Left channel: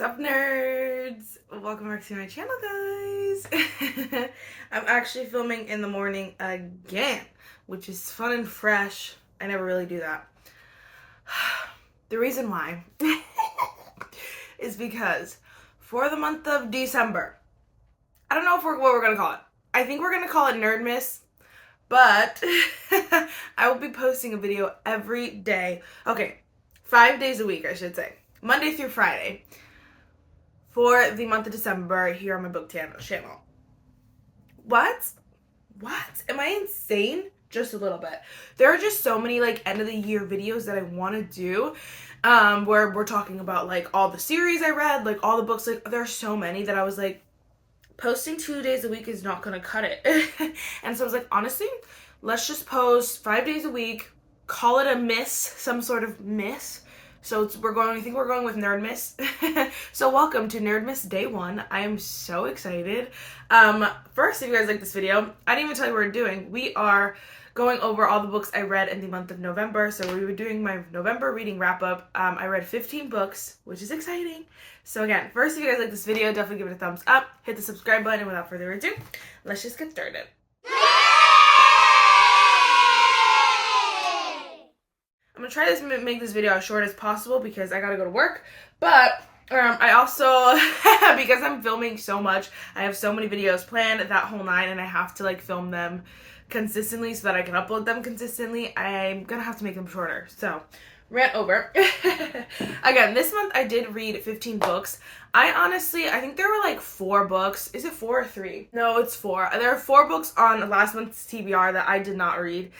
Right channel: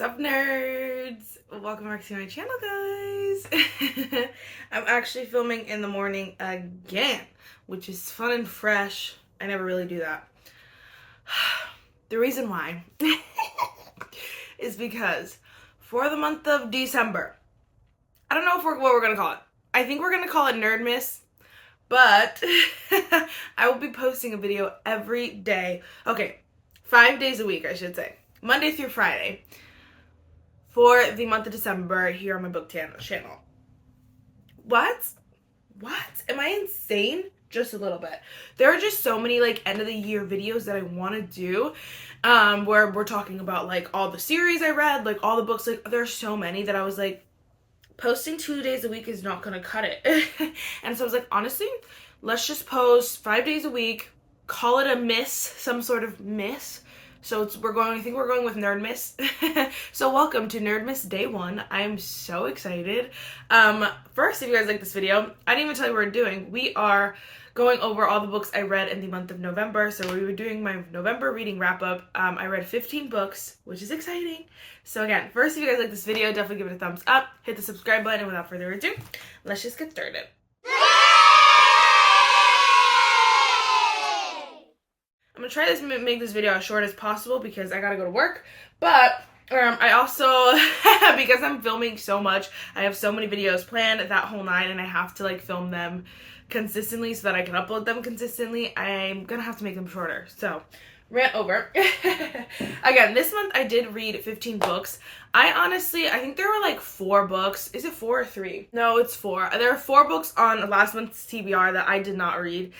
What's up, nerds? Welcome back to my channel, guys. I'm actually filming in the morning again, which is fun and fresh. I never really do that. The reason why is because for the month of December, I don't know what we're gonna call it. I think we're gonna call it NERDMAS, but I will be posting a video every day. Okay, 5 days a week, I should say. Monday through Friday. For the month of December here on my book channel. What? Am I insane? Just a little bit. There are just so many like end of the year videos that I want to do where we're talking about like all the series I read, like all the books. Like there's so many that I was like, posting 2 days a week is not gonna cut it. And so I was like, honestly, let's just post 5 days a week, call it a miss, some sort of miss. So I think we're going with NERDMAS. So welcome to NERDMAS Day 1. I am so excited. First, if you guys like this video, I didn't even tell you what we're doing. We are going over all the books I read in the month of November. So we were doing my November reading wrap up. I read 15 books, which is exciting. So again, first, if you guys like this video, definitely give it a thumbs up, hit the subscribe button, and without further ado, let's just get started. I'm gonna try to make this video as short as possible because I gotta go to work, but I also, because I'm filming so much, I have so many videos planned that whole night and I have to like film them consistently so that I can upload them consistently. I'm gonna have to make them shorter, so rant over. Again, this month I did read 15 books. I think there were like 4 books. Is it 4 or 3? No, it's 4. There are 4 books on last month's TBR that I did not read.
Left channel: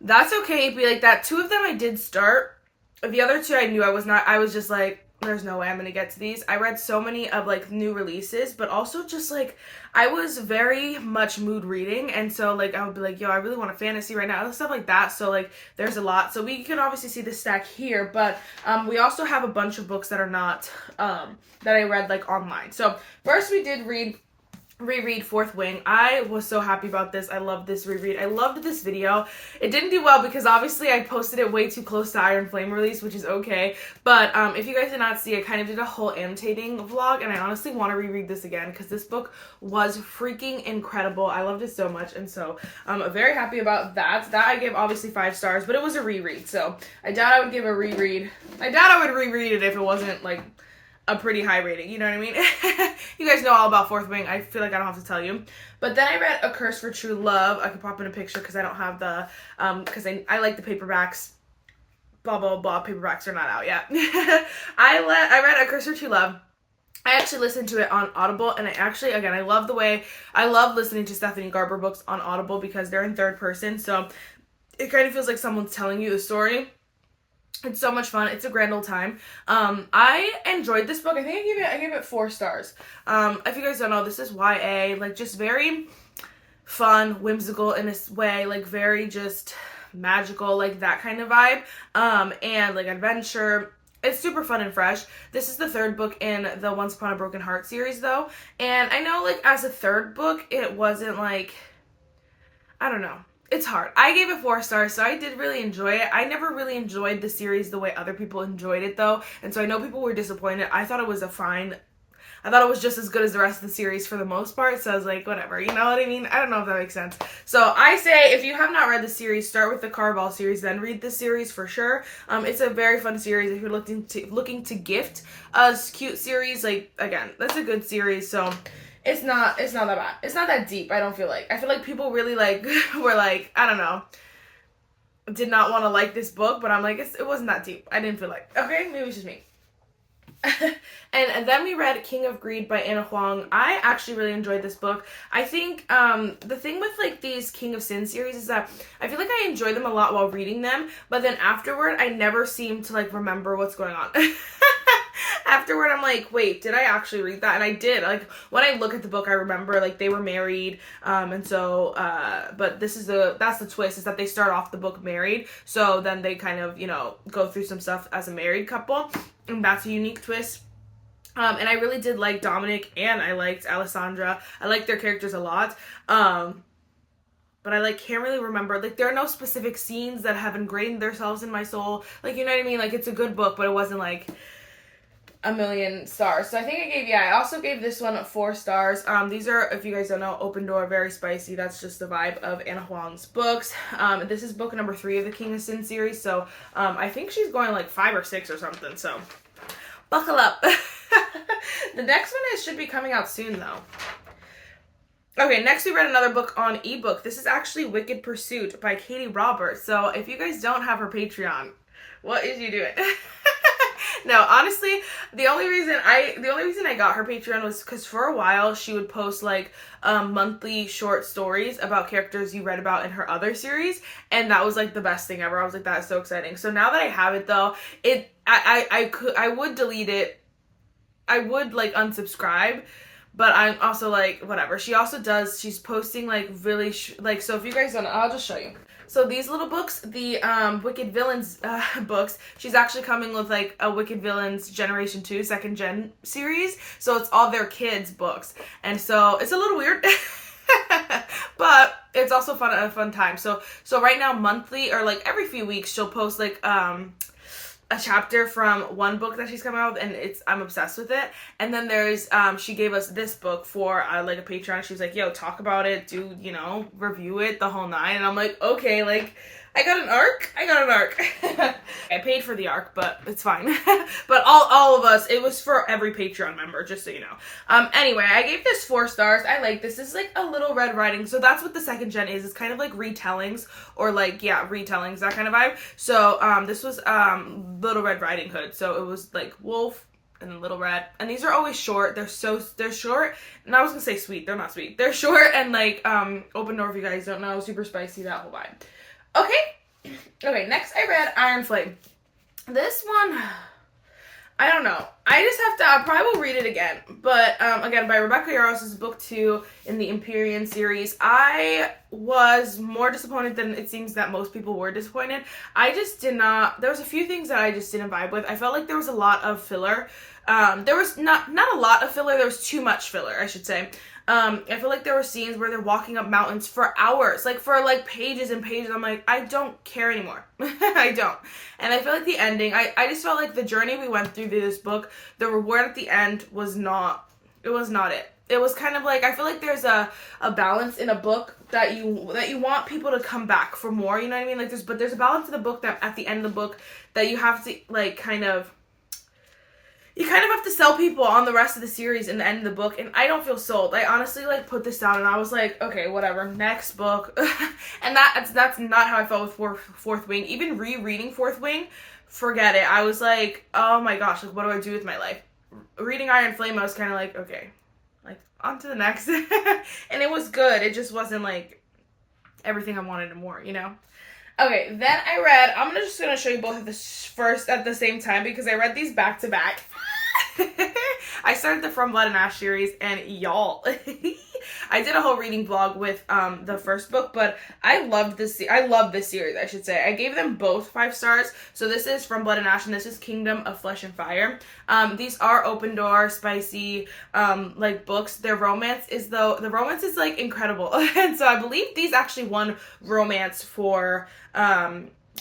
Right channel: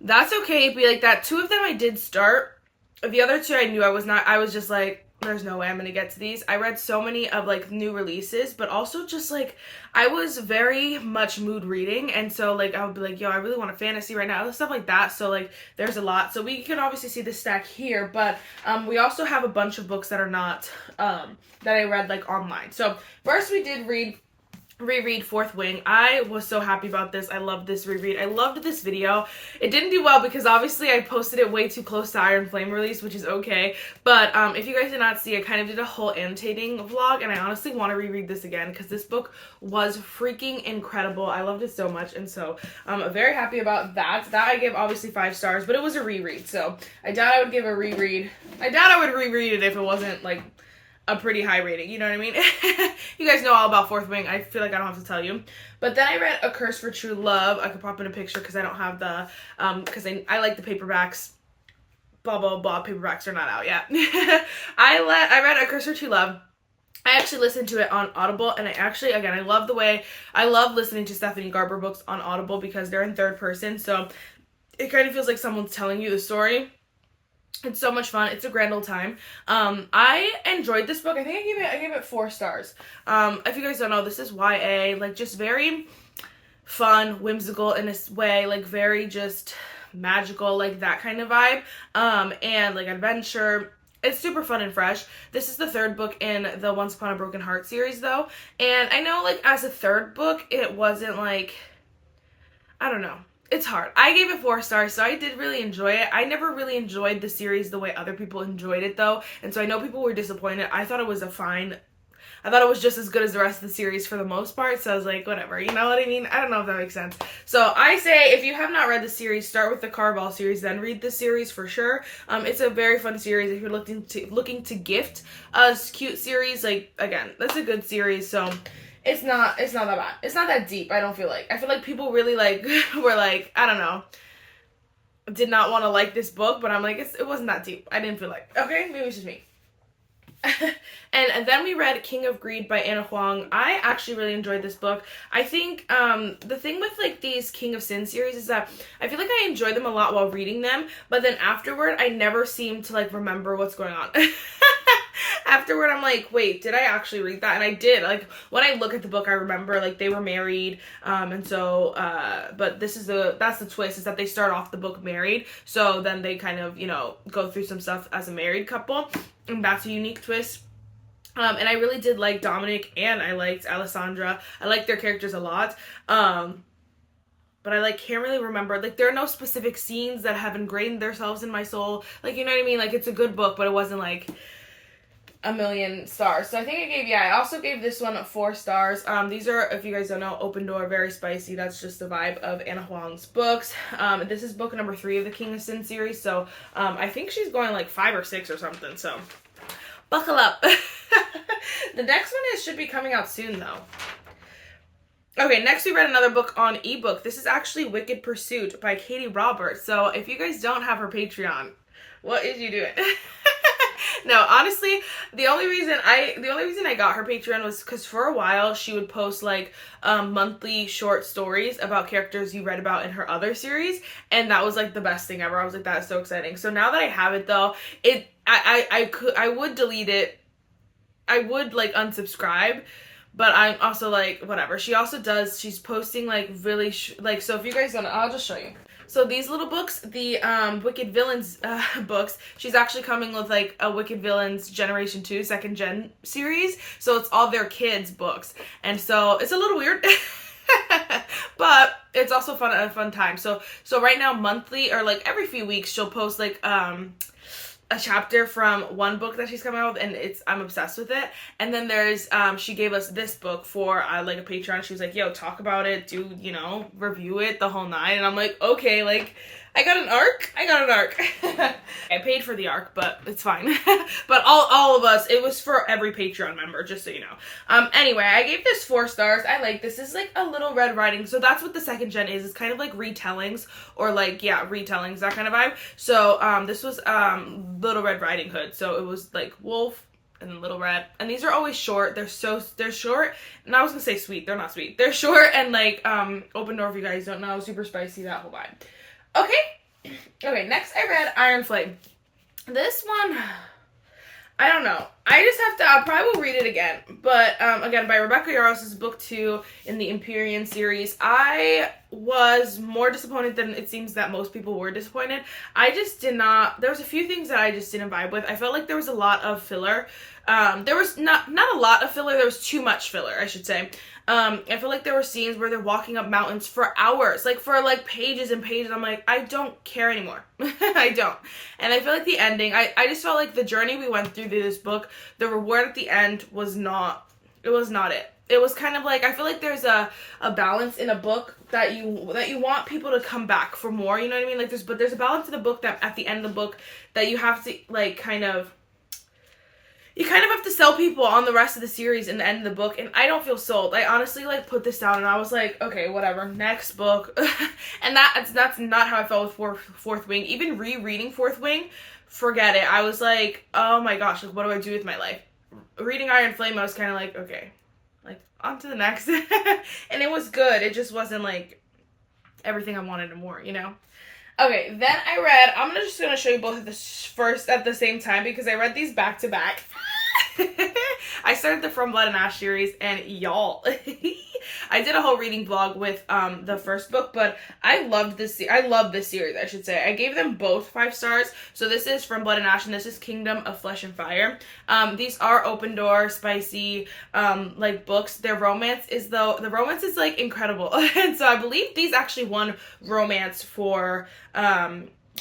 That's okay, be like that. 2 of them I did start. The other 2 I knew I was just like, there's no way I'm gonna get to these. I read so many of like new releases, but also just like, I was very much mood reading, and so like I would be like, yo, I really want a fantasy right now, stuff like that. So like there's a lot. So we can obviously see the stack here, but we also have a bunch of books that are not that I read like online. So first we did reread Fourth Wing. I was so happy about this. I loved this reread. I loved this video. It didn't do well because obviously I posted it way too close to Iron Flame release, which is okay. But if you guys did not see, I kind of did a whole annotating vlog, and I honestly want to reread this again because this book was freaking incredible. I loved it so much, and so I'm very happy about that. That I gave obviously 5 stars, but it was a reread, so I doubt I would give a reread. I doubt I would reread it if it wasn't like a pretty high rating, you know what I mean? You guys know all about Fourth Wing. I feel like I don't have to tell you. But then I read A Curse for True Love. I could pop in a picture because I don't have the, because I like the paperbacks. Blah, blah, blah. Paperbacks are not out yet. I read A Curse for True Love. I actually listened to it on Audible, and I love listening to Stephanie Garber books on Audible because they're in third person, so it kind of feels like someone's telling you the story. It's so much fun. It's a grand old time. I enjoyed this book. I think I gave it 4 stars. If you guys don't know, this is YA, like just very fun, whimsical in a way, like very just magical, like that kind of vibe. And like adventure. It's super fun and fresh. This is the 3rd book in the Once Upon a Broken Heart series though. And I know like as a 3rd book, it wasn't like, I don't know. It's hard. I gave it 4 stars, so I did really enjoy it. I never really enjoyed the series the way other people enjoyed it, though, and so I know people were disappointed. I thought it was just as good as the rest of the series for the most part, so I was like, whatever, you know what I mean? I don't know if that makes sense. So I say, if you have not read the series, start with the Caraval series, then read this series for sure. It's a very fun series if you're looking to gift a cute series. Like, again, that's a good series, so it's not that bad. It's not that deep, I don't feel like. I feel like people really like were like, I don't know, did not want to like this book, but I'm like, it wasn't that deep. I didn't feel like, okay, maybe it's just me. And then we read King of Greed by Anna Huang. I actually really enjoyed this book. I think the thing with like these King of Sin series is that I feel like I enjoyed them a lot while reading them, but then afterward I never seem to like remember what's going on. Afterward, I'm like, wait, did I actually read that? And I did. Like, when I look at the book, I remember, like, they were married, and so, but that's the twist, is that they start off the book married, so then they kind of, you know, go through some stuff as a married couple, and that's a unique twist. And I really did like Dominic, and I liked Alessandra. I liked their characters a lot, but I like can't really remember, like there are no specific scenes that have ingrained themselves in my soul, like, you know what I mean? Like, it's a good book, but it wasn't like, a million stars. So I think I also gave this one 4 stars. These are, if you guys don't know, Open Door, very spicy. That's just the vibe of Anna Huang's books. This is book number 3 of the King of Sin series. So I think she's going like 5 or 6 or something. So buckle up. The next one should be coming out soon though. Okay, next we read another book on ebook. This is actually Wicked Pursuit by Katie Roberts. So if you guys don't have her Patreon, what is you doing? No, honestly, the only reason I got her Patreon was because for a while she would post like monthly short stories about characters you read about in her other series, and that was like the best thing ever. I was like, that's so exciting. So now that I have it though, I would delete it. I would like unsubscribe. But I'm also like, whatever. She's posting like really, so if you guys don't know, I'll just show you. So these little books, the Wicked Villains books, she's actually coming with like a Wicked Villains Generation 2 second gen series. So it's all their kids' books. And so it's a little weird. But it's also a fun time. So right now, monthly or like every few weeks, she'll post like a chapter from one book that she's coming out with, and I'm obsessed with it. And then there's she gave us this book for like a Patreon. She was like, yo, talk about it, do, you know, review it, the whole 9. And I'm like, okay, like I got an arc. I paid for the arc, but it's fine. But all of us, it was for every Patreon member, just so you know. Anyway, I gave this 4 stars. I like this. This is like a Little Red Riding. So that's what the second gen is. It's kind of like retellings, or like, yeah, retellings, that kind of vibe. So this was Little Red Riding Hood. So it was like Wolf and then Little Red. And these are always short. They're short. And I was gonna say sweet. They're not sweet. They're short and like Open Door, if you guys don't know, super spicy, that whole vibe. Okay, next I read Iron Flame. This one, I don't know. I probably will read it again. But, again, by Rebecca Yarros. This is book 2 in the Empyrean series. I was more disappointed than it seems that most people were disappointed. There was a few things that I just didn't vibe with. I felt like there was a lot of filler. There was not a lot of filler, there was too much filler, I should say. I feel like there were scenes where they're walking up mountains for hours, like for like pages and pages. I'm like, I don't care anymore. I don't. And I feel like the ending, I just felt like the journey we went through this book, the reward at the end was not it. It was kind of like, I feel like there's a balance in a book that you want people to come back for more, you know what I mean? Like there's a balance in the book that at the end of the book that you have to like you kind of have to sell people on the rest of the series in the end of the book, and I don't feel sold. I honestly like put this down and I was like, okay, whatever, next book. And that's not how I felt with Fourth Wing. Even rereading Fourth Wing, forget it. I was like, oh my gosh, like what do I do with my life? Reading Iron Flame, I was kind of like, okay, like on to the next. And it was good. It just wasn't like everything I wanted and more, you know? Okay, then I'm just gonna show you both of this first at the same time because I read these back to back. I started the From Blood and Ash series, and y'all, I did a whole reading vlog with the first book, but I love this series, I should say. I gave them both 5 stars. So this is From Blood and Ash, and this is Kingdom of Flesh and Fire. These are Open Door, spicy, like books. The romance is like incredible. And so I believe these actually won romance for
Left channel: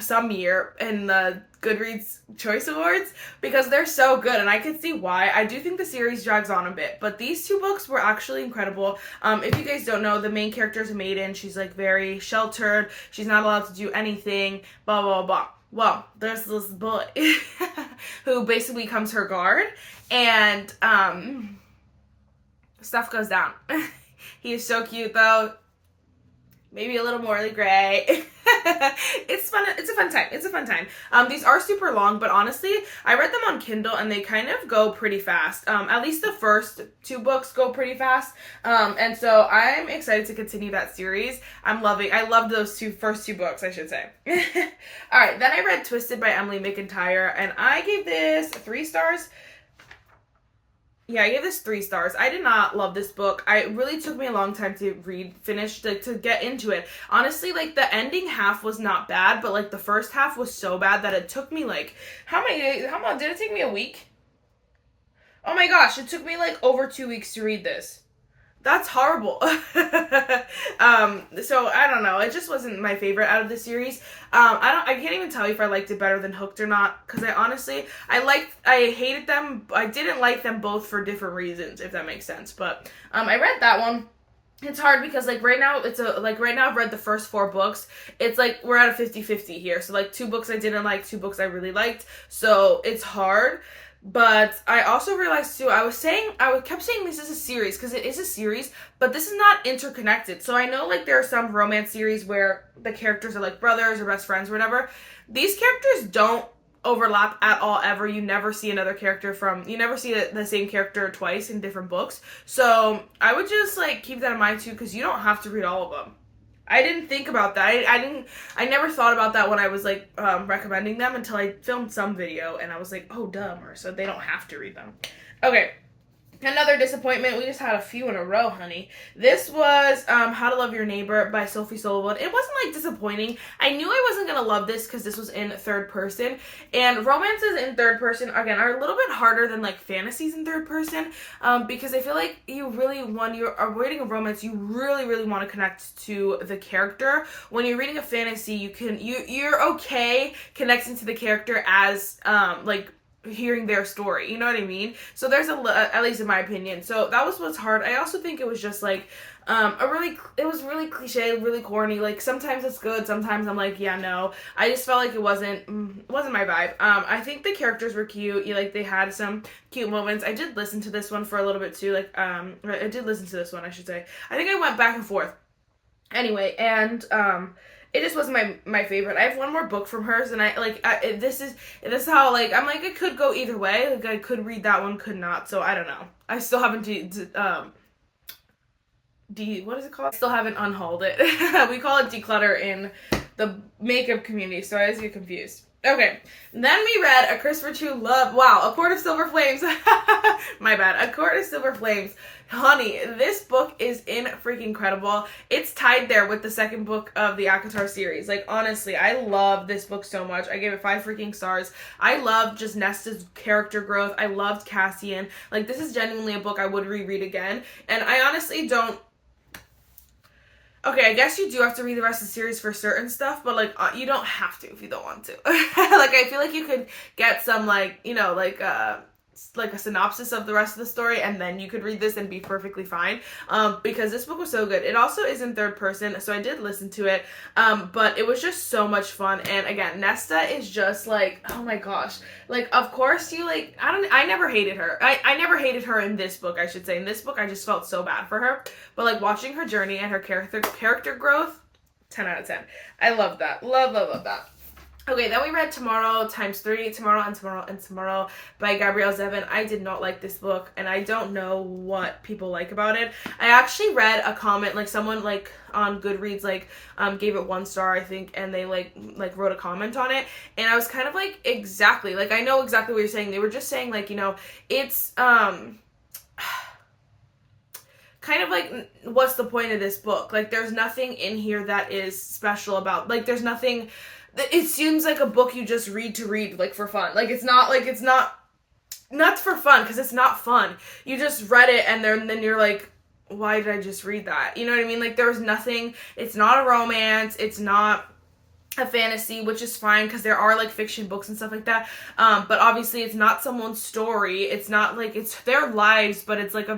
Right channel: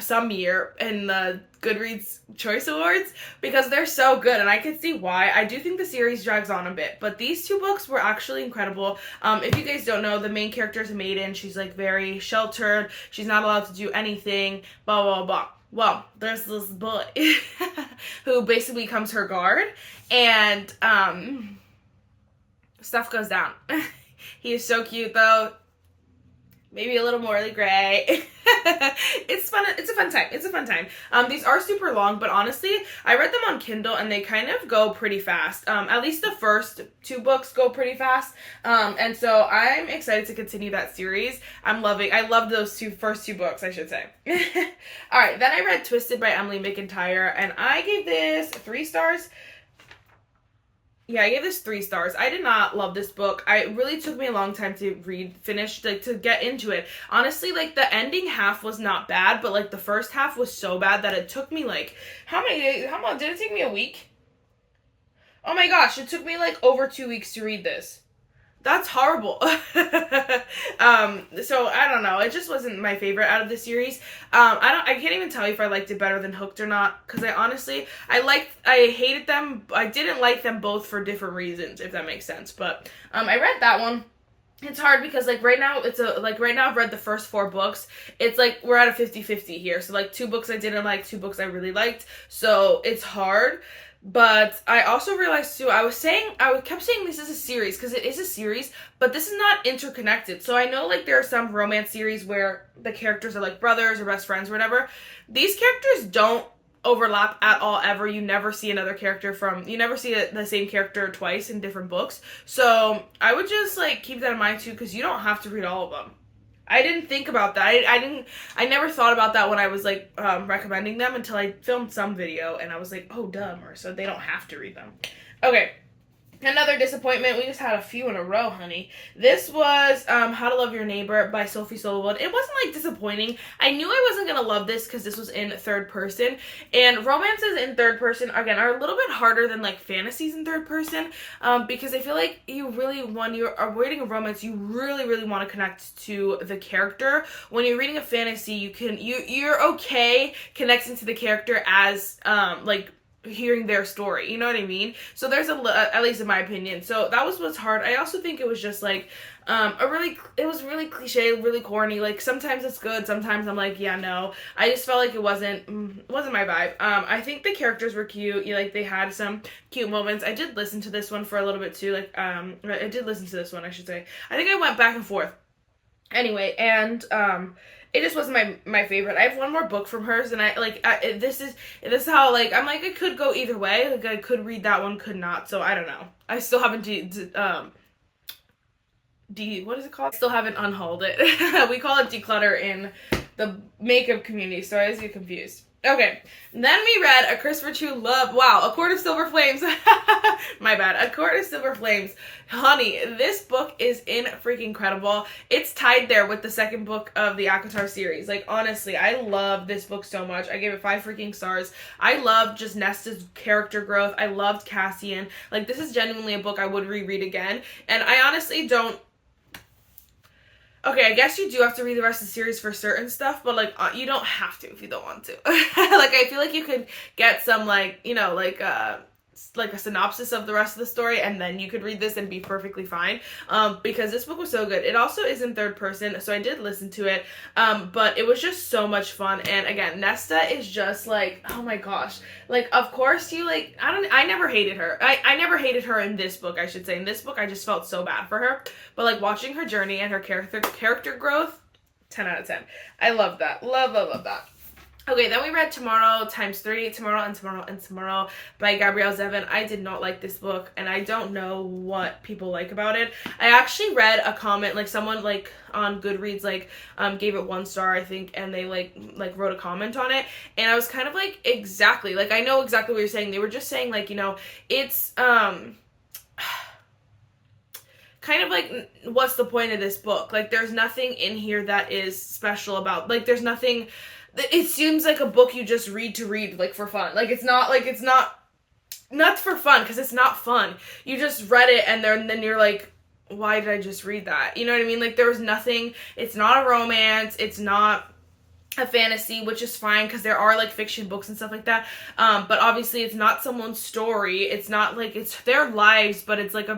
some year in the Goodreads Choice Awards because they're so good, and I can see why. I do think the series drags on a bit, but these 2 books were actually incredible. If you guys don't know, the main character is a maiden. She's like very sheltered. She's not allowed to do anything, blah, blah, blah. Well, there's this boy who basically becomes her guard, and stuff goes down. He is so cute though. Maybe a little morally gray. It's fun. It's a fun time. These are super long, but honestly, I read them on Kindle and they kind of go pretty fast. At least the first 2 books go pretty fast. And so I'm excited to continue that series. I loved those first two books, I should say. All right, then I read Twisted by Emily McIntyre, and I gave this 3 stars. Yeah, I gave this 3 stars. I did not love this book. It really took me a long time to finish, like, to get into it. Honestly, like, the ending half was not bad, but, like, the first half was so bad that it took me, like, how many days? How long? Did it take me a week? Oh my gosh, it took me, like, over 2 weeks to read this. That's horrible. So I don't know. It just wasn't my favorite out of the series. I can't even tell you if I liked it better than Hooked or not, because I hated them. I didn't like them both for different reasons, if that makes sense. But I read that one. It's hard because right now I've read the first 4 books. It's like we're at a 50-50 here. So like 2 books I didn't like, 2 books I really liked. So it's hard. But I also realized too, I kept saying this is a series, because it is a series, but this is not interconnected. So I know like there are some romance series where the characters are like brothers or best friends or whatever. These characters don't overlap at all ever. You never see the same character twice in different books. So I would just like keep that in mind too, because you don't have to read all of them. I didn't think about that. I never thought about that when I was like recommending them until I filmed some video and I was like, oh duh, Marissa, they don't have to read them. Okay. Another disappointment. We just had a few in a row, honey. This was How to Love Your Neighbor by Sophie Solowood. It wasn't like disappointing. I knew I wasn't going to love this because this was in third person. And romances in third person, again, are a little bit harder than like fantasies in third person. Because I feel like when you're reading a romance, you really, really want to connect to the character. When you're reading a fantasy, you're okay connecting to the character as like hearing their story, you know what I mean? So there's at least in my opinion. So that was what's hard. I also think it was just like it was really cliche, really corny. Like sometimes it's good, sometimes I'm like, yeah, no. I just felt like it wasn't my vibe. I think the characters were cute. Like they had some cute moments. I did listen to this one for a little bit too. Like I did listen to this one, I should say. I think I went back and forth. Anyway, and it just wasn't my favorite. I have one more book from hers, and this is how like I'm like it could go either way. Like I could read that one, could not. So I don't know. I still haven't what is it called? I still haven't unhauled it. We call it declutter in the makeup community, so I always get confused. Okay, then we read A Christopher True Love. Wow, A Court of Silver Flames. My bad. A Court of Silver Flames. Honey, this book is freaking incredible. It's tied there with the second book of the ACOTAR series. Like, honestly, I love this book so much. I gave it 5 freaking stars. I loved just Nesta's character growth. I loved Cassian. Like, this is genuinely a book I would reread again. And I honestly don't... Okay, I guess you do have to read the rest of the series for certain stuff, but, like, you don't have to if you don't want to. Like, I feel like you could get some, like, you know, like a synopsis of the rest of the story, and then you could read this and be perfectly fine, because this book was so good. It also is in third person, so I did listen to it, but it was just so much fun. And again, Nesta is just like, oh my gosh, like, of course you like, I never hated her. I never hated her in this book, I should say. In this book, I just felt so bad for her, but like watching her journey and her character growth, 10 out of 10. I love that. Love that. Okay, then we read Tomorrow ×3, Tomorrow and Tomorrow and Tomorrow by Gabrielle Zevin. I did not like this book, and I don't know what people like about it. I actually read a comment, like someone like on Goodreads like gave it 1 star, I think, and they like wrote a comment on it, and I was kind of like, exactly, like I know exactly what you're saying. They were just saying like, you know, it's kind of like, what's the point of this book? Like there's nothing in here that is special about, like there's nothing. It seems like a book you just read to read, like, for fun. Like, it's not for fun, because it's not fun. You just read it, and then you're like, why did I just read that? You know what I mean? Like, there was nothing, it's not a romance, it's not a fantasy, which is fine, because there are, like, fiction books and stuff like that, but obviously it's not someone's story, it's not, like, it's their lives, but it's, like,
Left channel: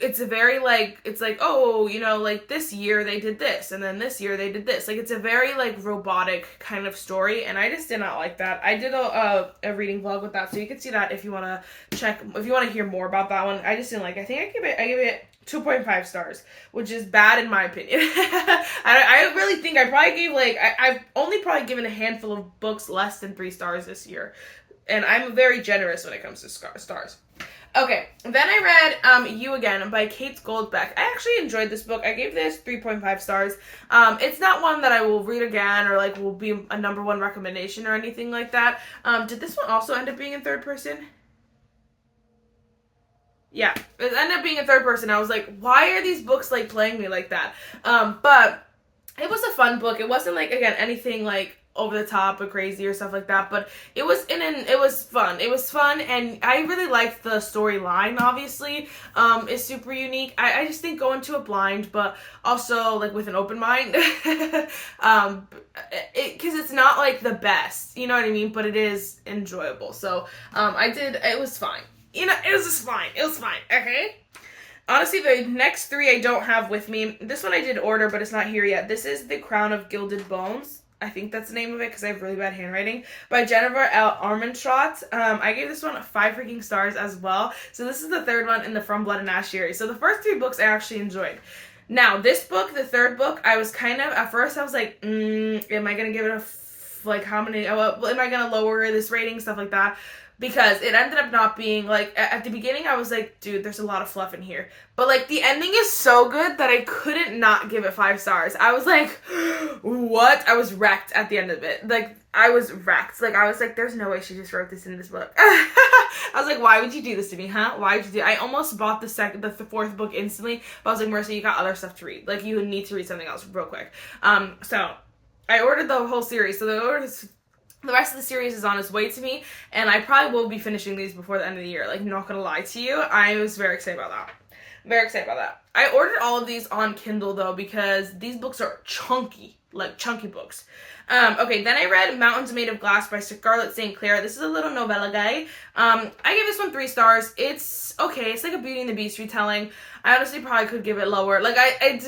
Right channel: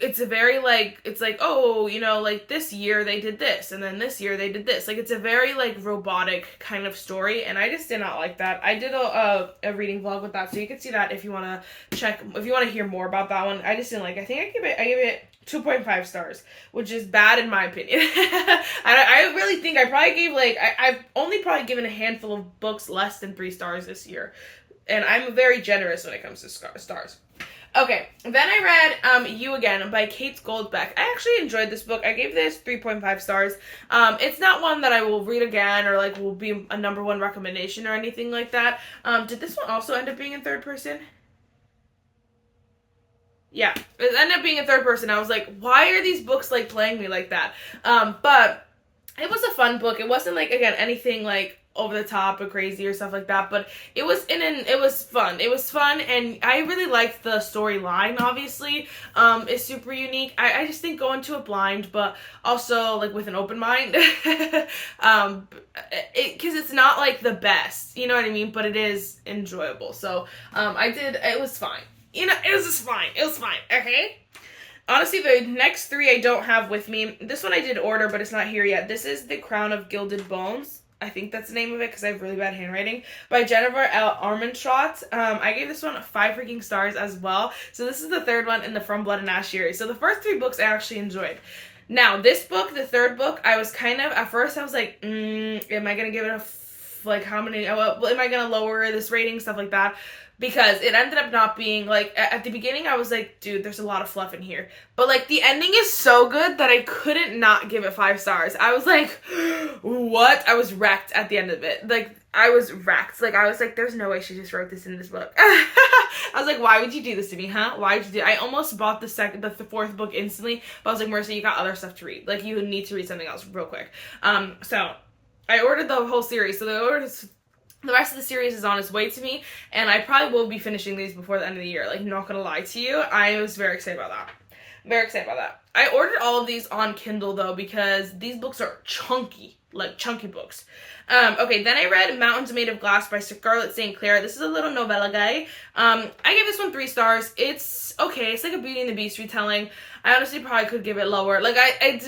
it's like, oh, you know, like, this year they did this, and then this year they did this. Like, it's a very, like, robotic kind of story, and I just did not like that. I did a reading vlog with that, so you can see that if you want to hear more about that one. I just didn't like it. I think I gave it 2.5 stars, which is bad in my opinion. I really think I probably gave, like, I've only probably given a handful of books less than 3 stars this year, and I'm very generous when it comes to stars. Okay, then I read You Again by Kate Goldbeck. I actually enjoyed this book. I gave this 3.5 stars. It's not one that I will read again or like will be a number 1 recommendation or anything like that. Did this one also end up being in third person? Yeah, it ended up being in third person. I was like, why are these books like playing me like that? But it was a fun book. It wasn't like, again, anything like over the top or crazy or stuff like that, but it was fun. It was fun, and I really liked the storyline. Obviously, it's super unique. I just think go into it blind, but also like with an open mind, because it's not like the best, you know what I mean, but it is enjoyable. So it was fine, you know, it was just fine. It was fine. Okay. Honestly, the next 3 I don't have with me. This one I did order, but it's not here yet. This is The Crown of Gilded Bones. I think that's the name of it because I have really bad handwriting. By Jennifer L. Armentrout. I gave this one 5 freaking stars as well. So this is the 3rd one in the From Blood and Ash series. So the first 3 books I actually enjoyed. Now, this book, the 3rd book, I was kind of, at first I was like, am I going to give it like how many, am I going to lower this rating, stuff like that. Because it ended up not being, like, at the beginning I was like, dude, there's a lot of fluff in here. But, like, the ending is so good that I couldn't not give it 5 stars. I was like, what? I was wrecked at the end of it. Like, I was wrecked. Like, I was like, there's no way she just wrote this in this book. I was like, why would you do this to me, huh? Why would you do it? I almost bought the 4th book instantly, but I was like, Marissa, you got other stuff to read. Like, you need to read something else real quick. So, I ordered the whole series. So, the rest of the series is on its way to me, and I probably will be finishing these before the end of the year. Like, not gonna lie to you, I was very excited about that. Very excited about that. I ordered all of these on Kindle, though, because these books are chunky. Like, chunky books. Okay, then I read Mountains Made of Glass by Scarlett St. Clair. This is a little novella guy. I gave this one 3 stars. It's okay. It's like a Beauty and the Beast retelling. I honestly probably could give it lower. Like, I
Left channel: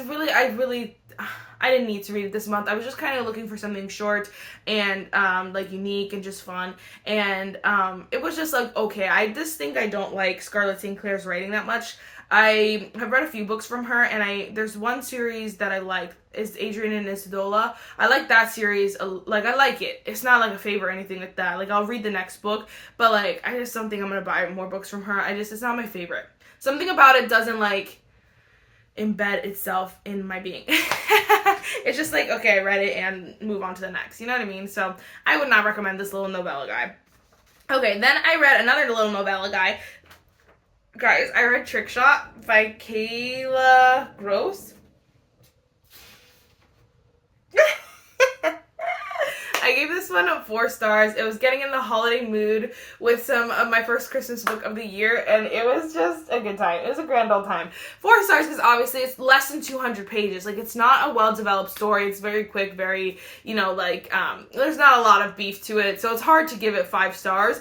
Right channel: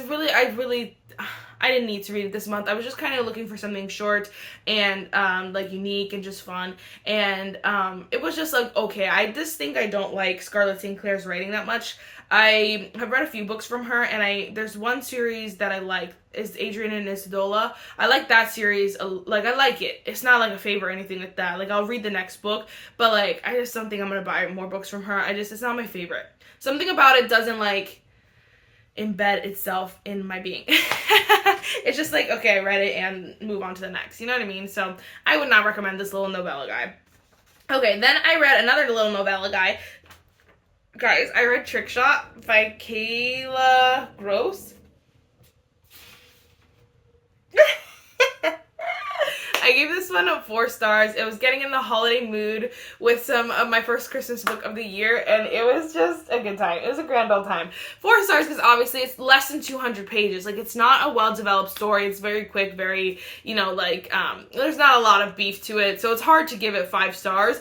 didn't need to read it this month. I was just kind of looking for something short and, like, unique and just fun. And, it was just, like, okay. I just think I don't like Scarlett St. Clair's writing that much. I have read a few books from her, and there's one series that I like. It's Adrian and Isodola. I like that series. Like, I like it. It's not, like, a favorite or anything like that. Like, I'll read the next book, but, like, I just don't think I'm gonna buy more books from her. It's not my favorite. Something about it doesn't, like, embed itself in my being. It's just like, okay, I read it and move on to the next. You know what I mean? So I would not recommend this little novella guy. Okay, then I read another little novella guy. Guys, I read Trick Shot by Kayla Gross. I gave this one 4 stars. It was getting in the holiday mood with some of my first Christmas book of the year, and it was just a good time. It was a grand old time. 4 stars because obviously it's less than 200 pages. Like, it's not a well-developed story. It's very quick, very, you know, like, there's not a lot of beef to it, so it's hard to give it 5 stars,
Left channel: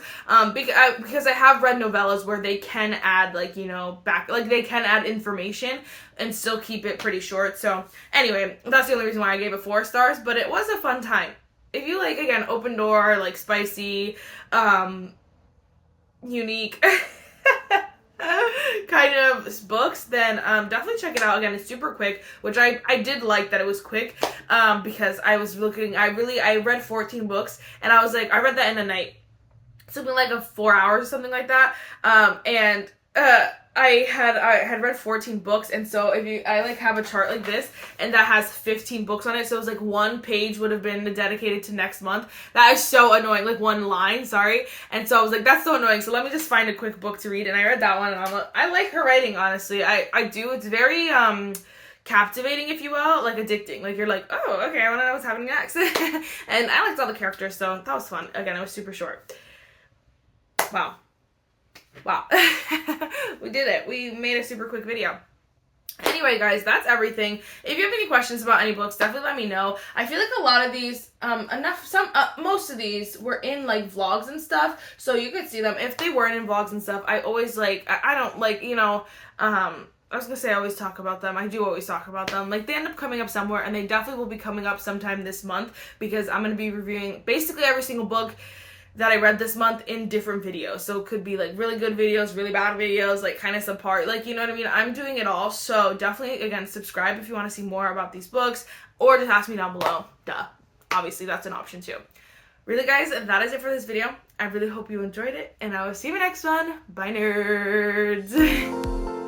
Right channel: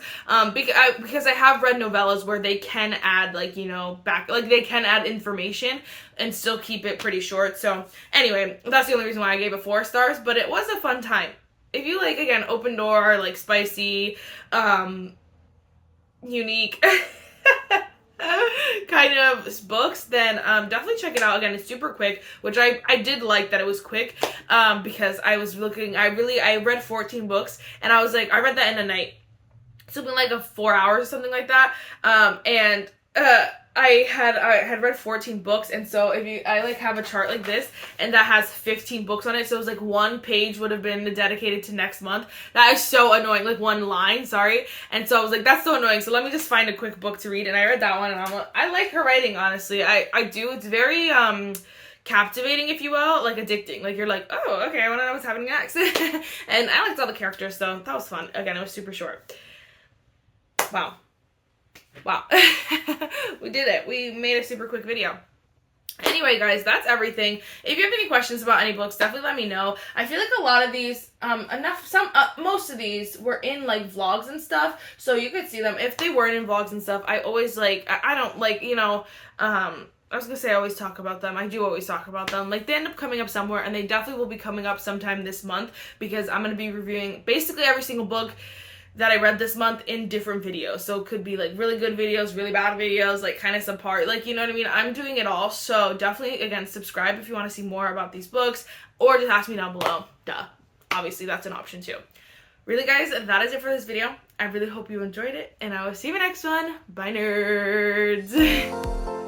because I have read novellas where they can add, like, you know, they can add information and still keep it pretty short. So, anyway, that's the only reason why I gave it 4 stars, but it was a fun time. If you like, again, open door, like, spicy, unique kind of books, then definitely check it out. Again, it's super quick, which I did like that it was quick, because I was looking, I read 14 books, and I was like, I read that in a night. Something like 4 hours or something like that, I had read 14 books, and so I like have a chart like this, and that has 15 books on it, so it was like 1 page would have been dedicated to next month. That is so annoying, like 1 line, sorry, and so I was like, that's so annoying, so let me just find a quick book to read, and I read that one, and I like her writing, honestly. I do. It's very, captivating, if you will, like addicting. Like, you're like, oh, okay, I want to know what's happening next. And I liked all the characters, so that was fun. Again, it was super short. Wow. We did it. We made a super quick video. Anyway, guys, that's everything. If you have any questions about any books, definitely let me know. I feel like a lot of these, most of these were in, like, vlogs and stuff, so you could see them. If they weren't in vlogs and stuff, I always, like, I don't, like, you know, I was gonna say I always talk about them. I do always talk about them. Like, they end up coming up somewhere, and they definitely will be coming up sometime this month, because I'm gonna be reviewing basically every single book that I read this month in different videos. So it could be, like, really good videos, really bad videos, like, kind of subpar, like, you know what I mean? I'm doing it all, so definitely, again, subscribe if you want to see more about these books, or just ask me down below. Duh. Obviously, that's an option, too. Really, guys, that is it for this video. I really hope you enjoyed it, and I will see you in the next one. Bye, nerds!